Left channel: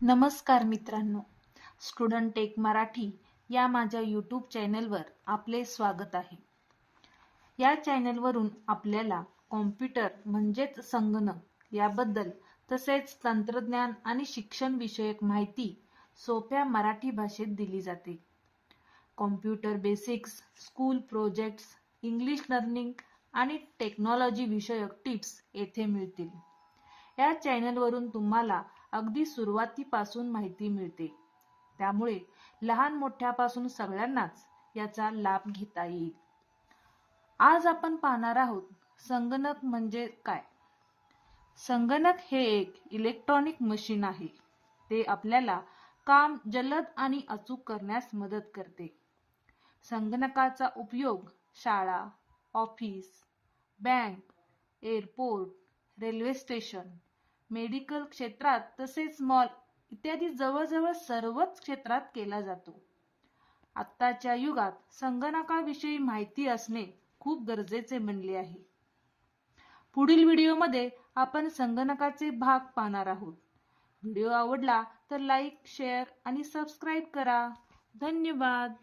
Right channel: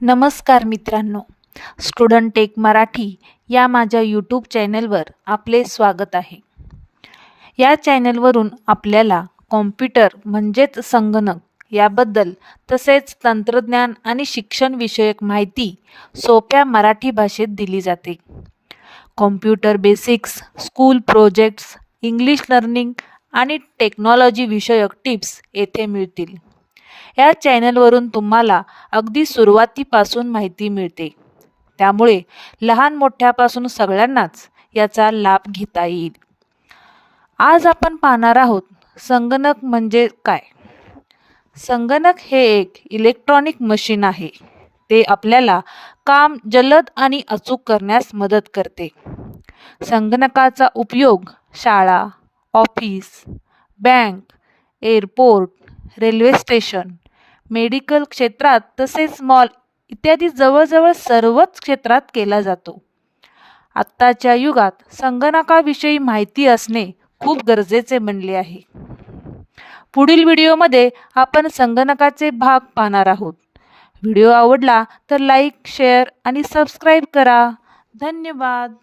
नमस्कार मित्रांनो, student take Marathi या माझ्या यूट्यूब चॅनलवर आपले स्वागत आहे. या चॅनलवरून आपल्याला कॉम्प्युटर म्हणजेच संगणक याबद्दल तसेच तंत्रज्ञान आणि शिक्षण विषयक माहिती सोप्या मराठी भाषेत दिली जाते. Computer basics, school projects, English learning आणि टेक्नॉलॉजी विषयक टिप्स येथे मिळतील. या चॅनलवरून तुम्हाला अगदी सुरुवातीपासून माहिती मिळते. त्यामुळे लहान मोठ्यापासून सगळ्यांनाच याचा लाभ घेता येईल. आज आपण पाहणार आहोत संगणक म्हणजे काय. संगणक हे एक इलेक्ट्रॉनिक मशीन आहे. ते आपल्याला काम जलद आणि अचूक करण्यास मदत करते. संगणकाचा उपयोग शाळा, office, bank, airport, railway station, medical क्षेत्रात तसेच मॉल इत्यादी जवळजवळ सर्वच क्षेत्रात केला जातो. आत्ताच्या युगात संगणकाविषयी माहिती असणे खूप गरजेचे बनले आहे. पुढील व्हिडिओमध्ये आपण संगणकाचे भाग पाहणार आहोत. व्हिडिओ आवडला तर लाईक, शेअर आणि सबस्क्राईब करा. धन्यवाद.